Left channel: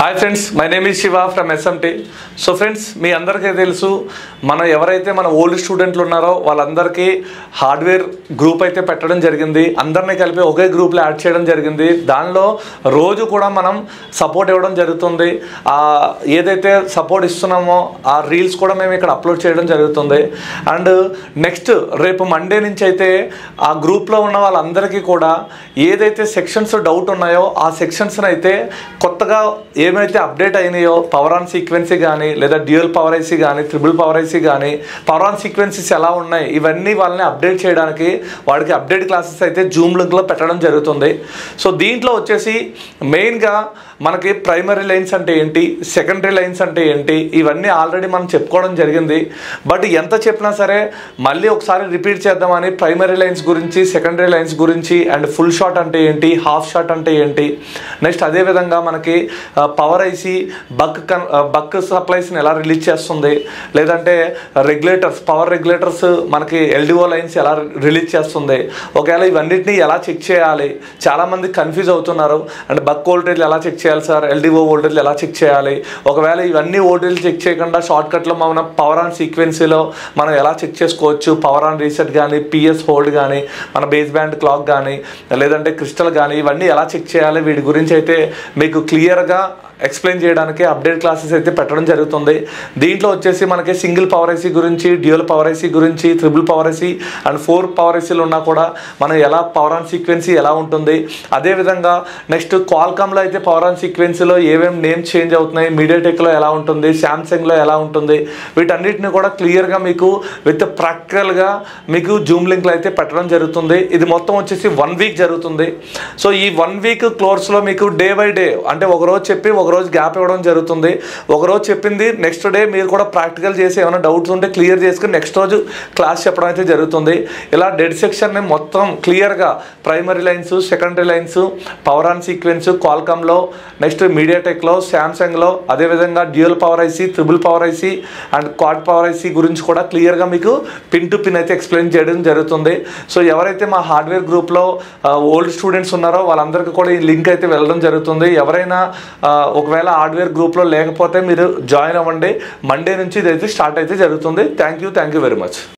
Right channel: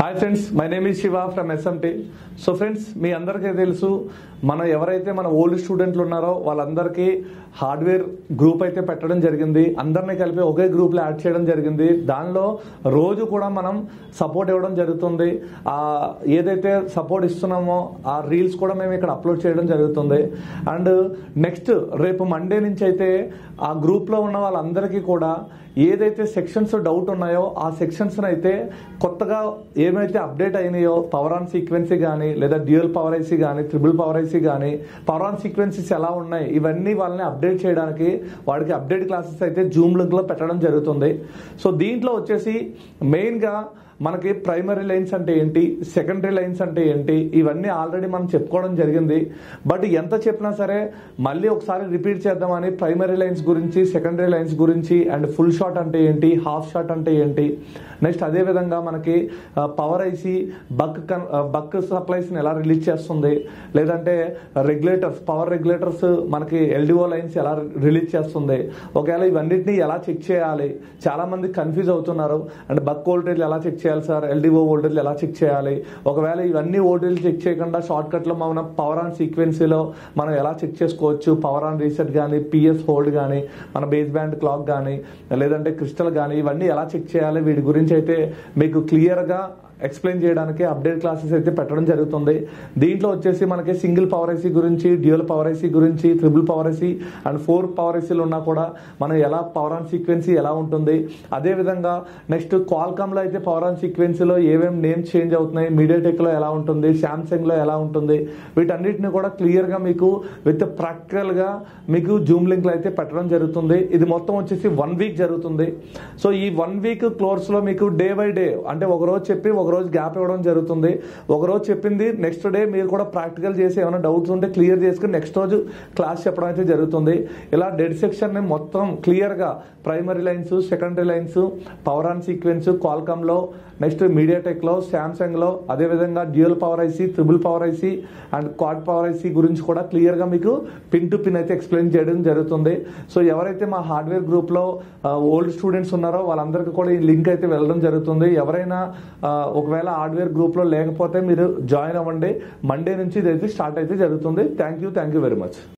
Hi friends, my name is Shiva from SMT. So friends, మీ అందరికీ తెలుసు, ఎవరైతే మన ఓల్డ్ స్టూడెంట్లు ఉన్నారో వాళ్ళందరికీ హార్డ్వేర్ గ్రూప్ అయితే పెట్టడం జరిగింది. అందరినీ కలిపి ఒకే గ్రూప్లో యాడ్ చేయడం జరిగింది. దానిలో రోజు కూడా మనం సపోర్ట్ ఇవ్వడం జరుగుతుంది. ఏదైతే సపోర్ట్ ఇస్తున్నామో ఆ రీల్స్ కూడా మేము ఇక్కడ అప్లోడ్ చేయడం జరుగుతుంది. అండ్ నెక్స్ట్ రేపు మండే నుంచి అయితే ఆ గ్రూప్లో ఉన్న వాళ్ళందరికీ కూడా ఏదైతే సెక్షన్స్ డౌట్ ఉన్నాయో ఆ సెక్షన్స్ని అయితే కొత్తగా ఏమైతే అప్డేట్ అయినాయో పవర్ ఆన్ సీక్వెన్సీ కానీ, లేదా డ్యూయల్ పవర్ ఐసీ కానీ, ట్రిపుల్ పవర్ ఐసీ కానీ, పవర్ ఆన్ సీక్వెన్సీస్ ఎలా ఉన్నాయి, ఇవన్నీ వాళ్ళని అప్డేట్ చేయడానికి వాడికి అప్డేట్ క్లాసెస్ అయితే జూమ్ లింక్లో పెట్టడం జరుగుతుంది. సో దీంట్లో వచ్చేసి మెయిన్గా మనకి ప్రైమరీ లైన్స్ అంటే ఏంటి, సెకండరీ లైన్స్ అంటే ఏంటి, ఇవన్నీ ఆల్రెడీ మనం చెప్పుకోవడం జరిగింది. బట్ ఎంత చెప్పినా సరే మళ్ళీ ఒకసారి రిపీట్ చేద్దామని ప్రైమరీ లైన్స్ గురించి, సెకండరీ లైన్స్ గురించి, అండ్ ఫుల్ షాట్ అంటే ఏంటి, హాఫ్ షాట్ అంటే ఏంటి, నెక్స్ట్ అదేవిధంగా మనకి పవర్ ఐసీ బక్ సప్లైస్ని ఎలా రిలీజ్ చేస్తుంది, లేదంటే రెగ్యులేటర్స్, పవర్ రెగ్యులేటర్స్ మనకి ఎల్డిఓ లైన్స్ ఎలా రిలీజ్ చేస్తుంది, ఒకవేళ ఇవన్నిటిని ఎలా చెక్ చేయాలి, చాలామంది కన్ఫ్యూజ్ అవుతున్నారు. అండ్ బక్ వోల్టేజ్ ఎలా చెక్ చేయాలి సార్, ఎల్డిఓ వోల్టేజ్ ఎలా చెక్ చేయాలి, ఒకవేళ ఇవన్నీ వోల్టేజ్ చెక్ చేయకుండా షార్ట్కట్లో మనం పవర్ ఆన్ సీక్వెన్సీలో మనం ఎలా చెక్ చేసుకోవచ్చు, పవర్ ఆన్ రీసెట్ కానీ, పిఎస్ హోల్డ్ కానీ, మన బేస్ బ్యాండ్ క్లాక్ కానీ, లేదంటే క్రిస్టల్ కానీ, ఇవన్నీ ఎలా చెక్ చేయాలి, వీటి గురించి అయితే మీకు క్లియర్గా ఎక్స్ప్లెయిన్ చేయడానికి అప్డేట్ క్లాసెస్ అయితే పెట్టడం జరుగుతుంది. దీంట్లో వచ్చేసి మనకి సింగిల్ పవర్ ఐసీ గురించి, డ్యూయల్ పవర్ ఐసీ గురించి, triple power IC and 4 power ఐసీలు ఉన్నా కూడా మనం ఎలా పవర్ ఆన్ సీక్వెన్సీ ఎలా ఉంటుంది, అదేవిధంగా నెక్స్ట్ క్వాల్కామ్లో అయితే పవర్ ఆన్ సీక్వెన్సీలో ఏమేమి నేమ్స్ చేంజ్ అవుతున్నాయి, మీడియాటెక్లో ఎలా ఉంటుంది, శాంసంగ్లో ఎలా ఉంటుంది, వీటన్నిటిని కూడా క్లియర్గా మీకు విత్ ప్రాక్టికల్గా మీకు జూమ్ లింక్లో అయితే పెట్టడం జరుగుతుంది. ఇది మొత్తం వచ్చేసి 1 వీక్ జరుగుతుంది. సో ఈ 1 వీక్ కోర్సులో మీకు డే బై డే అంటే ఒకరోజు చెప్పి ఒకరోజు గ్యాప్ ఇవ్వడం జరుగుతుంది. ఒకరోజు చెప్పింది నెక్స్ట్ డే మీరు కూడా ప్రాక్టికల్ చేసి ఏమైనా డౌట్స్ ఉంటే క్లియర్ చేసుకుని నెక్స్ట్ రోజు క్లాస్ చెప్పడం అయితే జరుగుతుంది. ఇలా డెడ్ సెక్షన్ని మొత్తం క్లియర్గా primary lines, secondary lines, power on sequence క్వాల్కామ్లో, నెక్స్ట్ మీడియాటెక్లో, శాంసంగ్లో, అదేవిధంగా dual power IC, triple power IC and quad power IC గురించి కూడా క్లియర్గా మీకు పిన్ టు పిన్ అయితే ఎక్స్ప్లెయిన్ చేయడం జరుగుతుంది. సో ఎవరైతే మా హార్డ్వేర్ గ్రూప్లో ఓల్డ్ స్టూడెంట్స్ ఉన్నారో వాళ్ళందరికీ కూడా ఈ లింక్ అయితే వెళ్ళడం జరుగుతుంది. ఎవరైనా ఒకవేళ హార్డ్వేర్ గ్రూప్లో లేకపోతే మీరు జాయిన్ అవ్వండి. మండే నుంచి ఇదైతే స్టార్ట్ అయితే జరుగుతుంది. Thank you very much.